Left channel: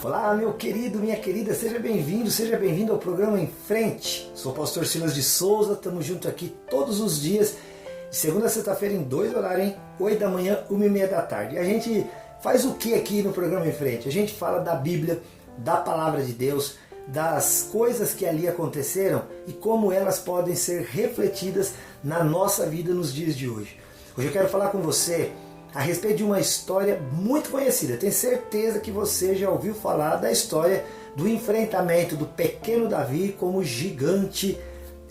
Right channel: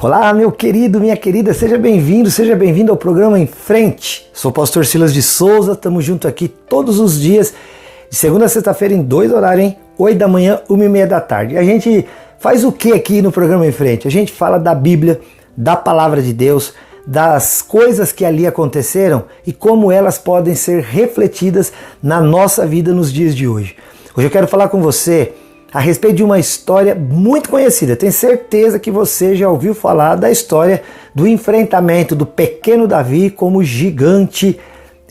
Olá, meu querido, minha querida, seja bem-vindo ao programa Em Frente. Sou o pastor Silas de Souza, estamos juntos aqui todos os dias, de segunda a sexta-feira em 2 horários, hein? 8 da manhã, 1h30 da tarde. A gente faz o que aqui no programa Em Frente? A gente fala da Bíblia, da Palavra de Deus, das coisas que ali aconteceram e como elas podem ser refletidas na nossa vida nos dias de hoje. Hoje eu quero falar com você a respeito de uma história muito conhecida. Tenho certeza que você já ouviu falar da história do enfrentamento do pequeno Davi com o gigante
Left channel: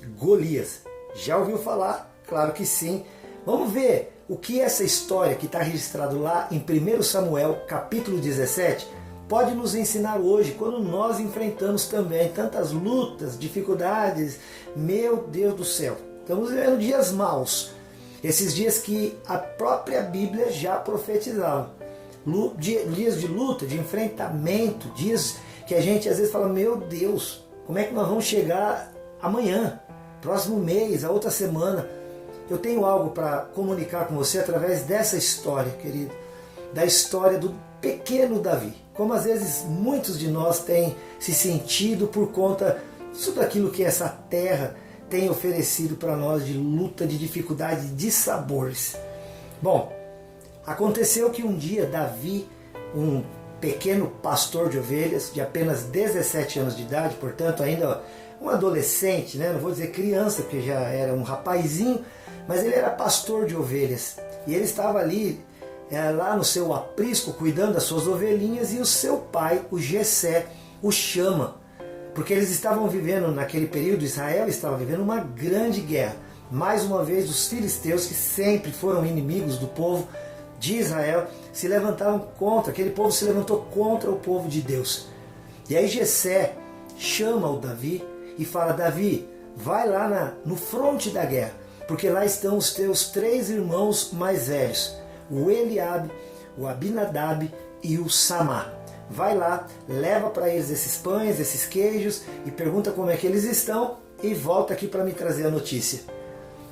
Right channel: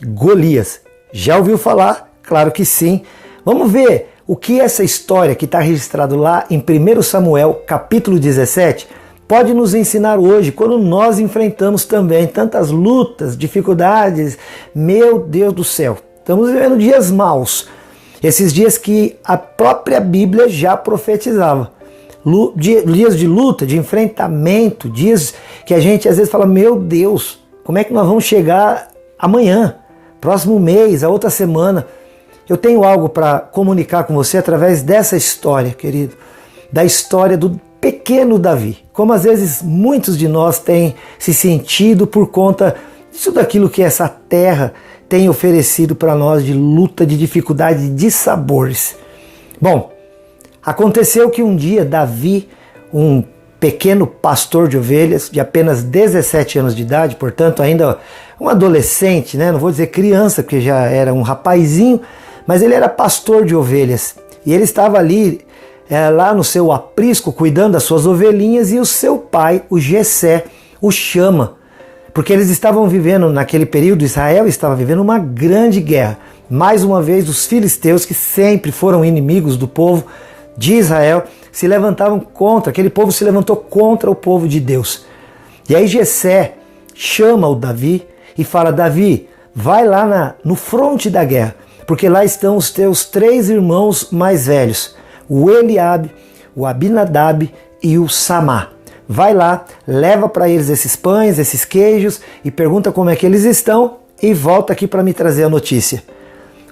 Golias. Já ouviu falar? Claro que sim. Vamos ver o que essa história que está registrada lá em 1 Samuel, capítulo 17, pode nos ensinar hoje, quando nós enfrentamos também tantas lutas, dificuldades. Meu Deus do céu, estamos vivendo dias maus. Esses dias que a própria Bíblia já profetizava. Dias de luta, de enfrentamento, dias que a gente às vezes fala, meu Deus, como é que nós vamos chegar amanhã, próximo mês, a outra semana? Eu tenho algo para comunicar com você através dessa história, querido, da história do pequeno Davi. Como às vezes muitos de nós têm se sentido por conta disso daquilo que essa terra tem oferecido para nós de luta, de dificuldade, de sabores. Bom, aconteceu que um dia Davi, um pequeno pastor de ovelhas, de apenas 17 anos de idade, portanto ainda um adolescente, né? Não vou dizer criança, porque já era um rapazinho, mas ele era pastor de ovelhas. E ele estava ali, lá no seu aprisco, cuidando das suas ovelhinhas, e o seu pai, o Jessé, o chama. Porque eles estavam vivendo, naquele período, Israel estava vivendo uma grande guerra. Mais uma vez, os filisteus, que sempre foram inimigos do povo de Israel, se levantavam contra, aquele povo se levantou contra o povo de Deus. E aí Jessé chama o Davi e fala, Davi, vai lá no fronte da guerra, porque lá estão os teus 3 irmãos mais velhos, o Eliabe, o Abinadab e o Samá. Vai lá, leva para eles esses pães, esses queijos e pergunta como é que eles estão e volta aqui para me trazer a notícia.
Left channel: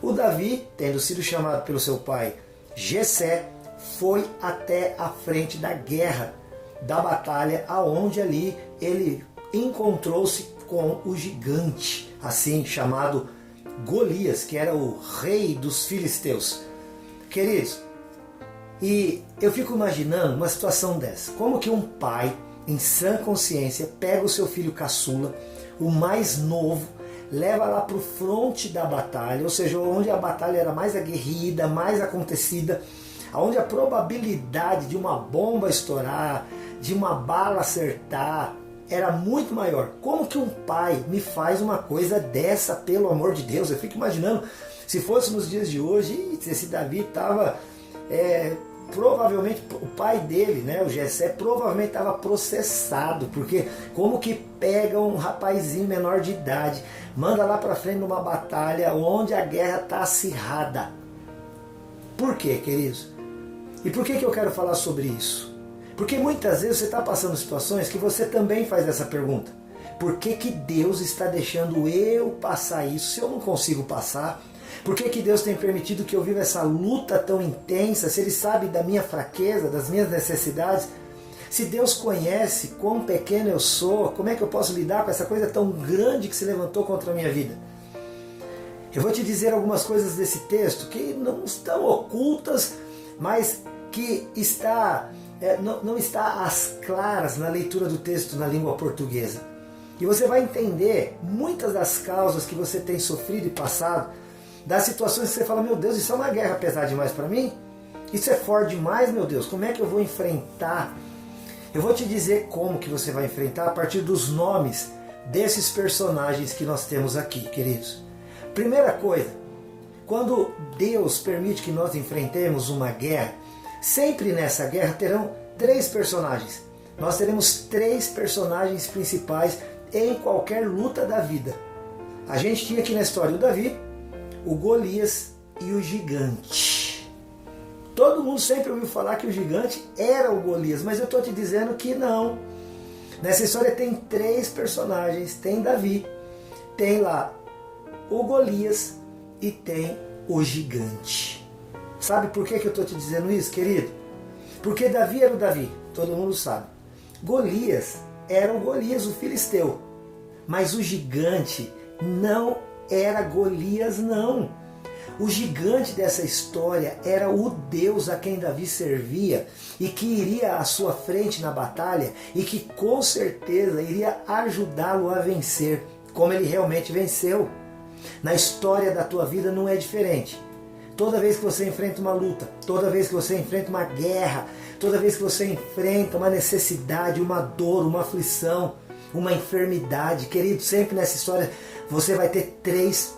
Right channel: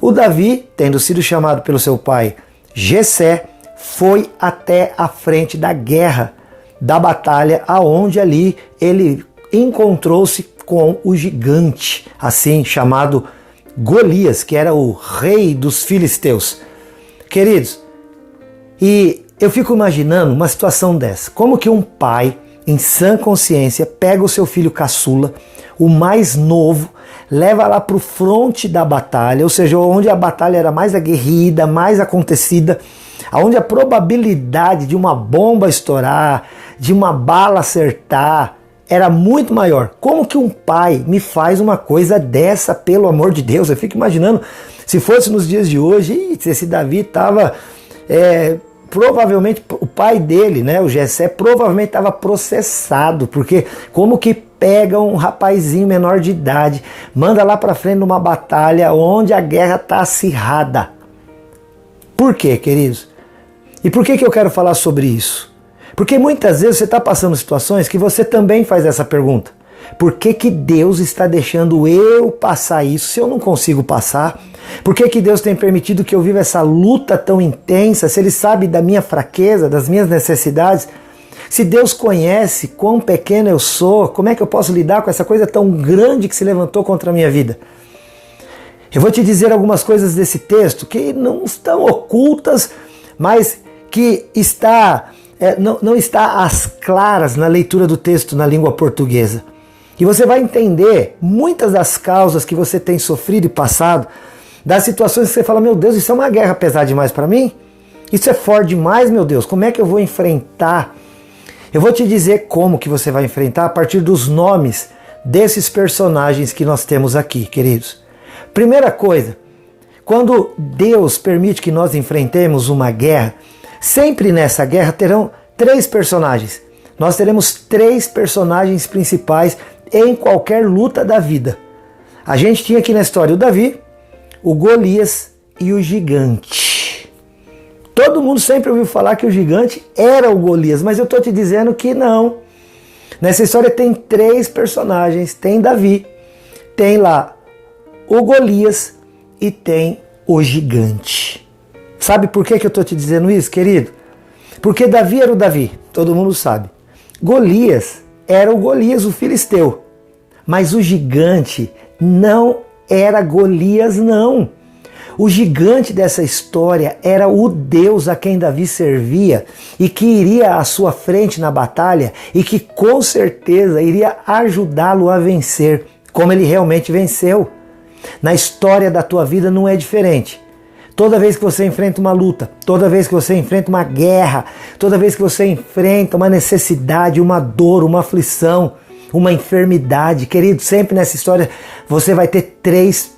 O Davi, tendo sido chamado pelo seu pai Jessé, foi até a frente da guerra, da batalha, aonde ali ele encontrou-se com o gigante, assim chamado Golias, que era o rei dos filisteus. Queridos, e eu fico imaginando uma situação dessa. Como que um pai, em sã consciência, pega o seu filho caçula, o mais novo, leva lá para o fronte da batalha, ou seja, onde a batalha era mais aguerrida, mais acontecida, onde a probabilidade de uma bomba estourar, de uma bala acertar, era muito maior. Como que um pai me faz uma coisa dessa, pelo amor de Deus? Eu fico imaginando, se fosse nos dias de hoje, esse Davi estava... provavelmente o pai dele, né, o Jessé, provavelmente estava processado, porque como que pega um rapazinho menor de idade, manda lá para frente numa batalha onde a guerra está acirrada? Por quê, queridos? E por que eu quero falar sobre isso? Porque muitas vezes você está passando situações que você também faz essa pergunta. Por que Deus está deixando eu passar isso se eu não consigo passar? Por que Deus tem permitido que eu viva essa luta tão intensa, se Ele sabe da minha fraqueza, das minhas necessidades? Se Deus conhece quão pequeno eu sou, como é que eu posso lidar com essa coisa tão grande que se levantou contra a minha vida? Eu vou te dizer algumas coisas desse texto que não estão ocultas, mas que não está às claras na leitura do texto na língua portuguesa. E você vai entender muitas das causas que você tem sofrido e passado, das situações que você fala, meu Deus, isso é uma guerra pesada demais para mim? Isso é forte demais, meu Deus, como é que eu vou enfrentar? Eu vou te dizer como que você vai enfrentar a partir dos nomes desses personagens que nós temos aqui, queridos. Primeira coisa, quando Deus permite que nós enfrentemos uma guerra, sempre nessa guerra terão 3 personagens. Nós teremos 3 personagens principais em qualquer luta da vida. A gente tinha aqui na história o Davi, o Golias e o gigante. Todo mundo sempre ouviu falar que o gigante era o Golias, mas eu estou te dizendo que não. Nessa história tem 3 personagens, tem Davi, tem lá o Golias e tem o gigante. Sabe por que eu estou te dizendo isso, querido? Porque Davi era o Davi, todo mundo sabe. Golias era o Golias, o filisteu. Mas o gigante não era Golias, não. O gigante dessa história era o Deus a quem Davi servia e que iria à sua frente na batalha e que com certeza iria ajudá-lo a vencer, como ele realmente venceu. Na história da tua vida não é diferente. Toda vez que você enfrenta uma luta, toda vez que você enfrenta uma guerra, toda vez que você enfrenta uma necessidade, uma dor, uma aflição, uma enfermidade, querido, sempre nessa história você vai ter 3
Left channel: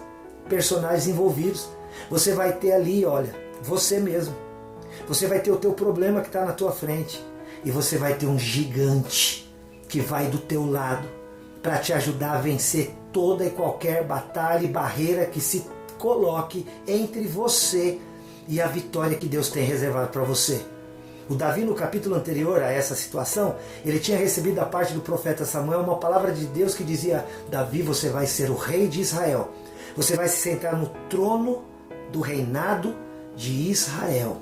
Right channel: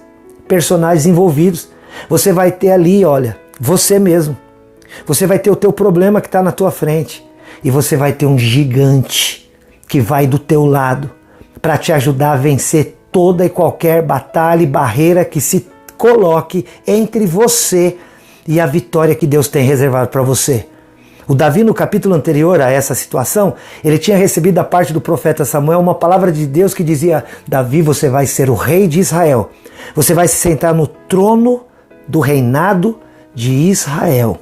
personagens envolvidos. Você vai ter ali, olha, você mesmo. Você vai ter o teu problema que está na tua frente. E você vai ter um gigante que vai do teu lado para te ajudar a vencer toda e qualquer batalha e barreira que se coloque entre você e a vitória que Deus tem reservado para você. O Davi, no capítulo anterior a essa situação, ele tinha recebido da parte do profeta Samuel uma palavra de Deus que dizia: Davi, você vai ser o rei de Israel. Você vai se sentar no trono do reinado de Israel.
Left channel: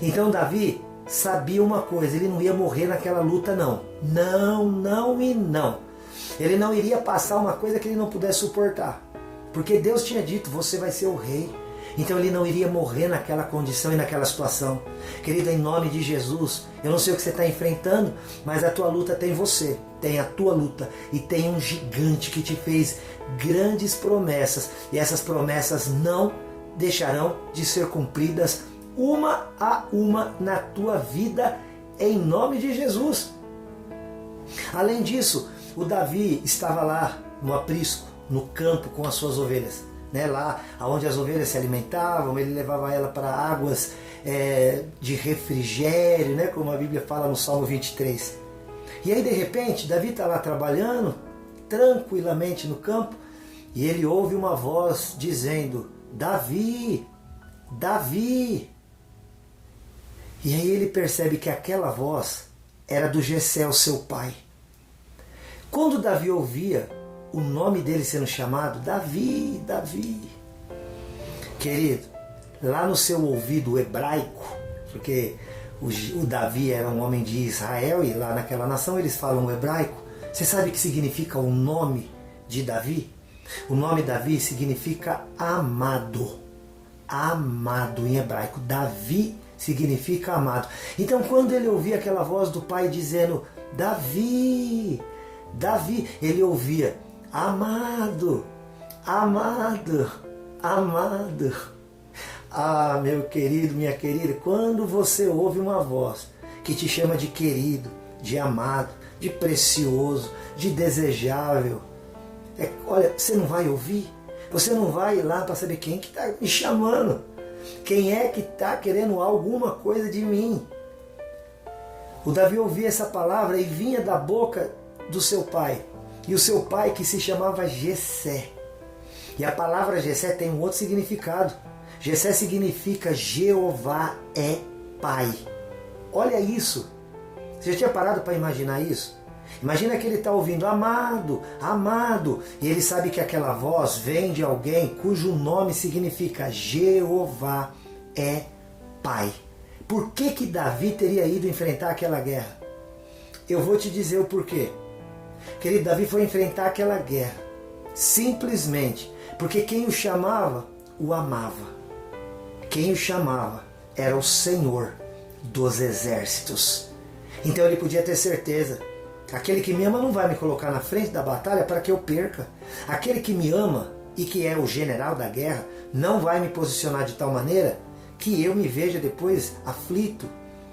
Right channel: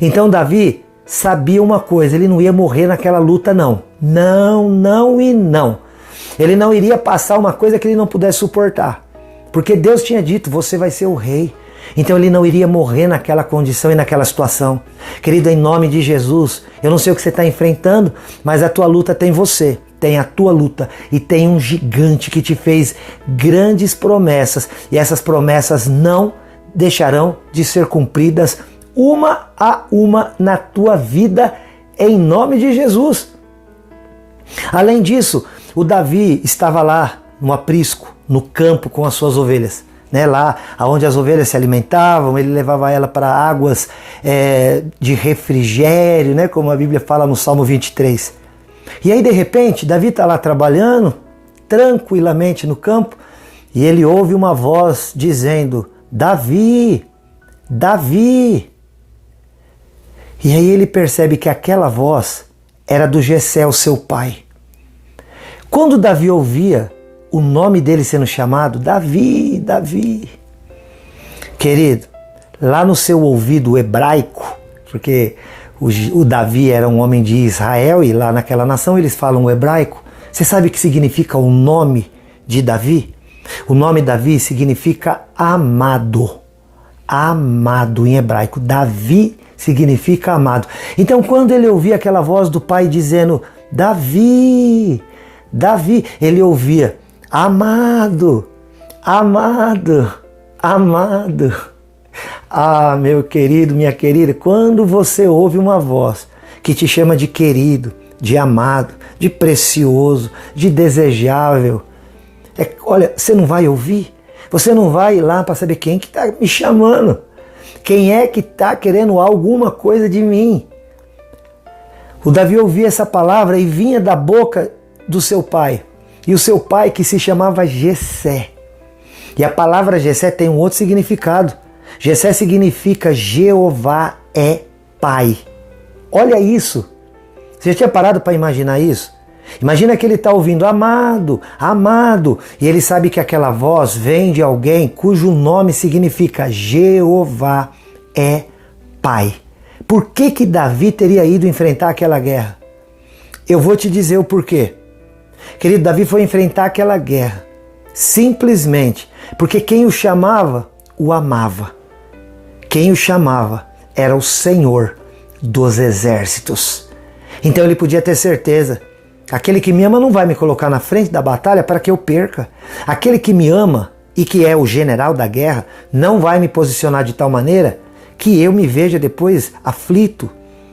Então Davi sabia uma coisa: ele não ia morrer naquela luta, não. Não, não e não. Ele não iria passar uma coisa que ele não pudesse suportar. Porque Deus tinha dito: você vai ser o rei. Então ele não iria morrer naquela condição e naquela situação. Querido, em nome de Jesus, eu não sei o que você está enfrentando, mas a tua luta tem você, tem a tua luta e tem um gigante que te fez grandes promessas e essas promessas não deixarão de ser cumpridas uma a uma na tua vida, em nome de Jesus. Além disso, o Davi estava lá no aprisco, no campo com as suas ovelhas, né? Lá onde as ovelhas se alimentavam, ele levava ela para águas de refrigério, né? Como a Bíblia fala no Salmo 23. E aí de repente Davi está lá trabalhando tranquilamente no campo e ele ouve uma voz dizendo: Davi, Davi. E aí ele percebe que aquela voz era do Jessé, o seu pai. Quando Davi ouvia o nome dele sendo chamado, Davi, Davi, querido, lá no seu ouvido hebraico, porque o Davi era um homem de Israel e lá naquela nação eles falam o hebraico. Você sabe o que significa o nome de Davi? O nome Davi significa amado. Amado em hebraico. Davi significa amado. Então quando ele ouvia aquela voz do pai dizendo: Davi, Davi, ele ouvia: amado, amado, amado. Ah, meu querido, minha querida, quando você ouve uma voz que te chama de querido, de amado, de precioso, de desejável, olha, você não vai ouvir? Você não vai ir lá para saber quem que está me chamando? Quem é que está querendo alguma coisa de mim? O Davi ouvia essa palavra e vinha da boca do seu pai. E o seu pai que se chamava Jessé. E a palavra Jessé tem um outro significado. Jessé significa Jeová é Pai. Olha isso. Você já tinha parado para imaginar isso? Imagina que ele está ouvindo amado, amado. E ele sabe que aquela voz vem de alguém cujo nome significa Jeová é Pai. Por que que Davi teria ido enfrentar aquela guerra? Eu vou te dizer o porquê. Querido, Davi foi enfrentar aquela guerra simplesmente porque quem o chamava o amava. Quem o chamava era o Senhor dos exércitos. Então ele podia ter certeza: aquele que me ama não vai me colocar na frente da batalha para que eu perca. Aquele que me ama e que é o general da guerra não vai me posicionar de tal maneira que eu me veja depois aflito,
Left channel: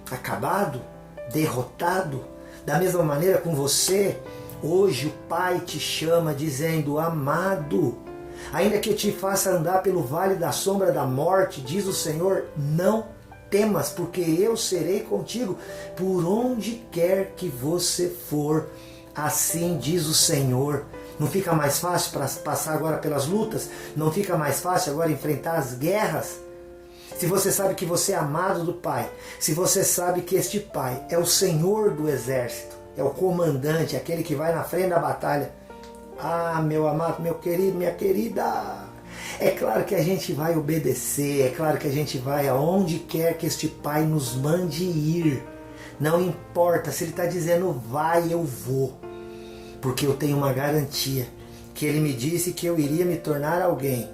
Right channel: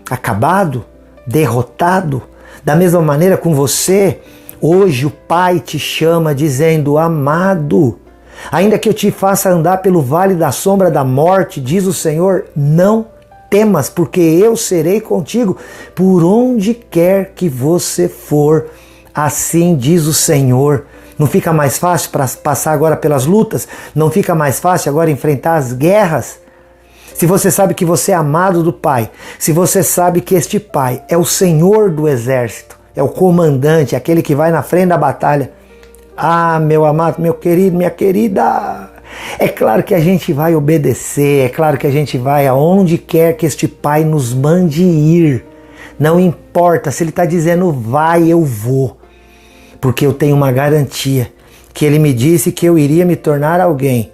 acabado, derrotado. Da mesma maneira com você, hoje o Pai te chama dizendo: amado, ainda que eu te faça andar pelo vale da sombra da morte, diz o Senhor, não temas, porque eu serei contigo por onde quer que você for. Assim diz o Senhor. Não fica mais fácil para passar agora pelas lutas? Não fica mais fácil agora enfrentar as guerras? Se você sabe que você é amado do Pai, se você sabe que este Pai é o Senhor do exército, é o comandante, aquele que vai na frente da batalha. Ah, meu amado, meu querido, minha querida, é claro que a gente vai obedecer, é claro que a gente vai aonde quer que este Pai nos mande ir. Não importa se Ele está dizendo vai, eu vou. porque eu tenho uma garantia que Ele me disse que eu iria me tornar alguém.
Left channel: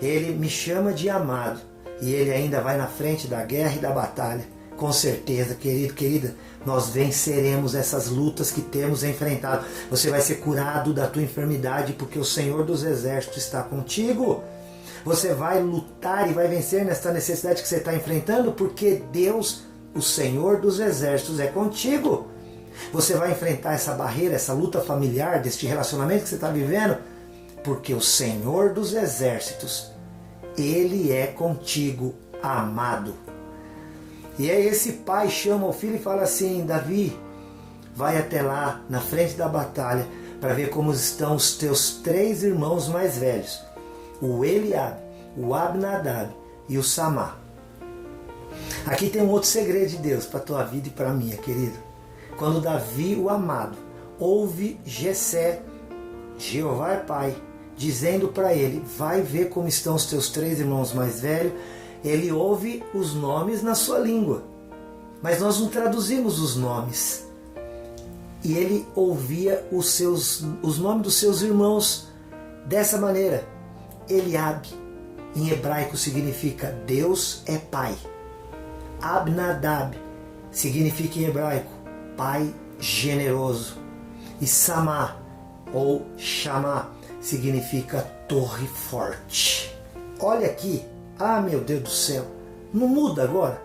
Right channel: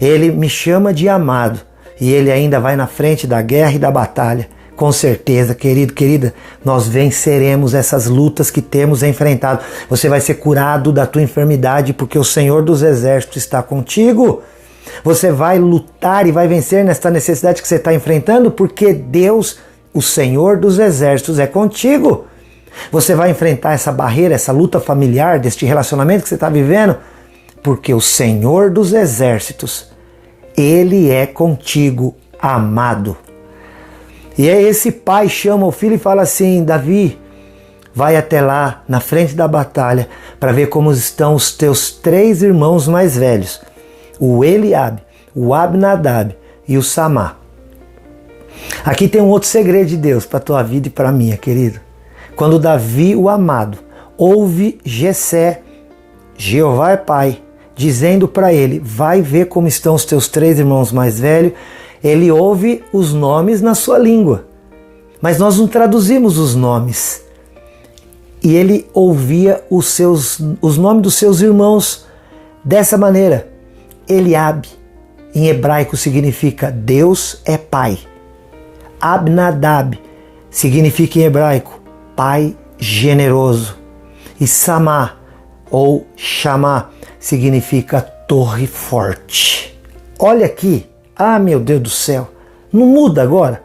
Ele me chama de amado e Ele ainda vai na frente da guerra e da batalha. Com certeza, querido, querida, nós venceremos essas lutas que temos enfrentado. Você vai ser curado da tua enfermidade porque o Senhor dos Exércitos está contigo. Você vai lutar e vai vencer nesta necessidade que você está enfrentando porque Deus, o Senhor dos Exércitos, é contigo. Você vai enfrentar essa barreira, essa luta familiar, deste relacionamento que você está vivendo, porque o Senhor dos Exércitos, Ele é contigo, amado. E aí esse pai chama o filho e fala assim: Davi, vai até lá, na frente da batalha, para ver como estão os teus 3 irmãos mais velhos, o Eliabe, o Abinadab e o Samá. Aqui tem um outro segredo de Deus para a tua vida e para a minha, querido. Quando Davi, o amado, ouve Jessé, Jeová é pai, dizendo para ele: vai ver como estão os teus 3 irmãos mais velhos, ele ouve os nomes na sua língua, mas nós não traduzimos os nomes. E ele ouvia os nomes dos seus irmãos dessa maneira. Eliabe, em hebraico, significa Deus é pai. Abinadab significa em hebraico pai generoso. E Samá, ou Chamá, significa torre forte. Olha aqui. Ah, meu Deus do céu, não muda agora?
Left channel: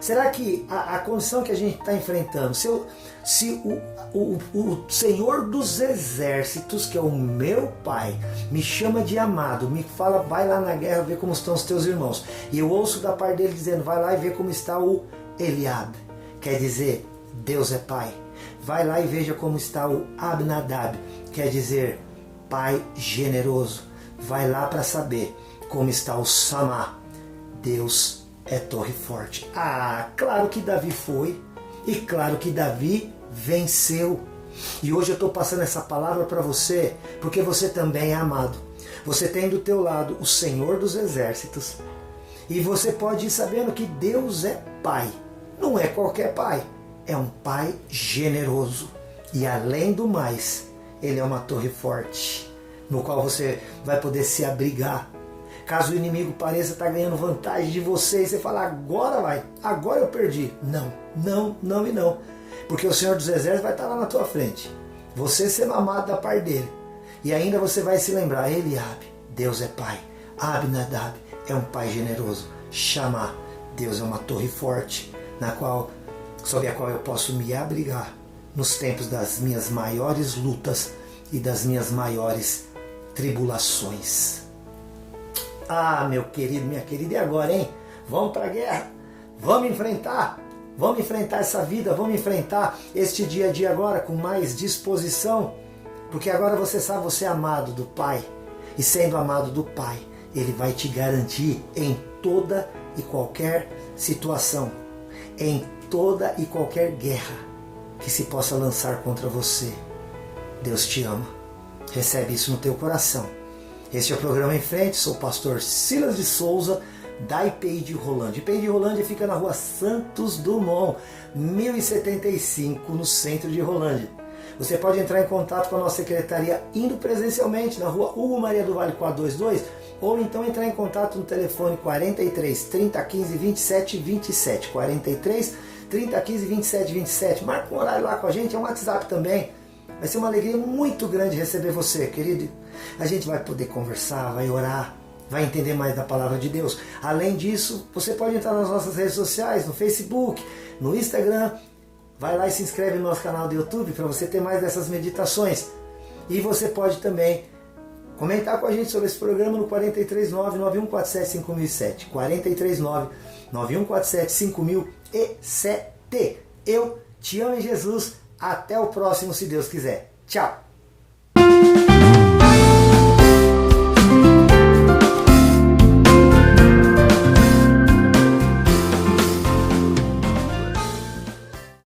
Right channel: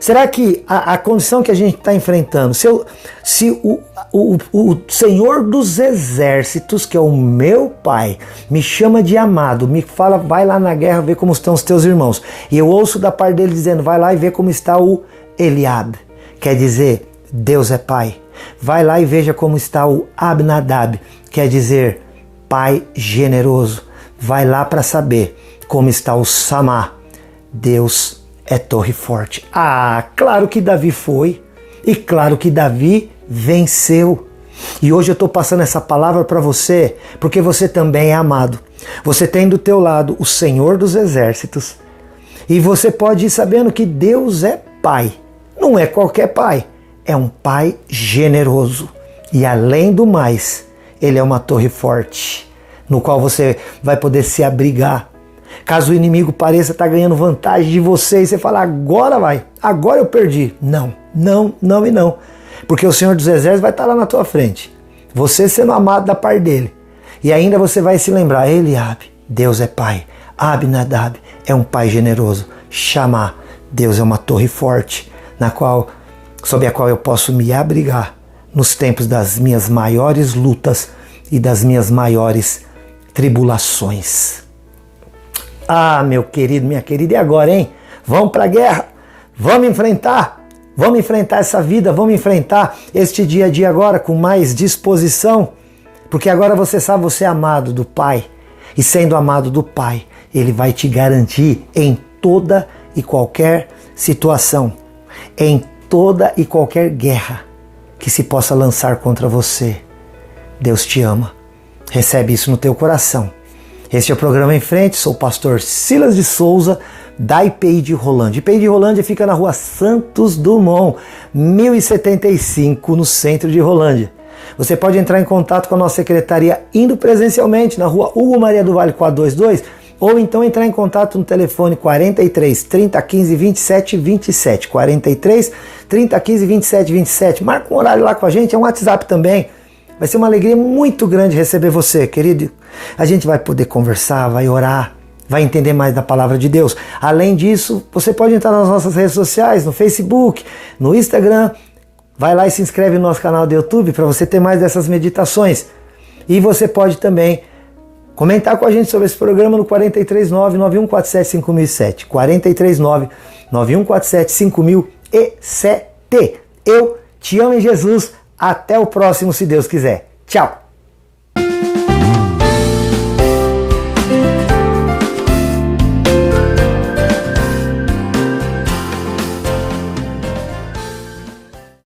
Será que a condição que a gente está enfrentando, se o Senhor dos Exércitos, que é o meu pai, me chama de amado, me fala, vai lá na guerra ver como estão os teus irmãos, e eu ouço da parte dele dizendo, vai lá e vê como está o Eliabe, quer dizer, Deus é pai. Vai lá e veja como está o Abinadab, quer dizer, pai generoso. Vai lá para saber como está o Samá, Deus é torre forte. Ah, claro que Davi foi, e claro que Davi venceu. E hoje eu estou passando essa palavra para você, porque você também é amado. Você tem do teu lado o Senhor dos Exércitos, e você pode ir sabendo que Deus é pai. Não é qualquer pai, é um pai generoso. E além do mais, Ele é uma torre forte, no qual você vai poder se abrigar. Caso o inimigo pareça estar ganhando vantagem de você e você falar, agora vai, agora eu perdi. Não, não, não e não. Porque o Senhor dos Exércitos vai estar lá na tua frente. Você sendo amado da parte dele. E ainda você vai se lembrar, Eliabe, Deus é pai. Abinadab é um pai generoso. Chamá, Deus é uma torre forte, sob a qual eu posso me abrigar nos tempos das minhas maiores lutas e das minhas maiores tribulações. Ah, meu querido, minha querida, e agora, hein? Vamos para a guerra, vamos enfrentar essa vida, vamos enfrentar este dia a dia agora com mais disposição, porque agora você sabe, você é amado do Pai, e sendo amado do Pai, Ele vai te garantir em toda e qualquer situação, em toda e qualquer guerra que se possa lançar contra você. Deus te ama, recebe isso no teu coração. Este é o programa Em Frente, sou o pastor Silas de Souza, da IPI de Rolândia. IPI de Rolândia fica na rua Santos Dumont, 1075, no centro de Rolândia. Você pode entrar em contato com a nossa secretaria indo presencialmente na rua Hugo Maria do Vale 422, ou então entrar em contato no telefone 43 30 15 27 27, 43 30 15 27 27. Marca um horário lá com a gente, é um WhatsApp também. Vai ser uma alegria muito grande receber você, querido. A gente vai poder conversar, vai orar, vai entender mais da palavra de Deus. Além disso, você pode entrar nas nossas redes sociais, no Facebook, no Instagram. Vai lá e se inscreve no nosso canal do YouTube para você ter mais dessas meditações. E você pode também comentar com a gente sobre esse programa no 439-9147-5007. 439-9147-5007. Eu te amo em Jesus. Até o próximo, se Deus quiser. Tchau!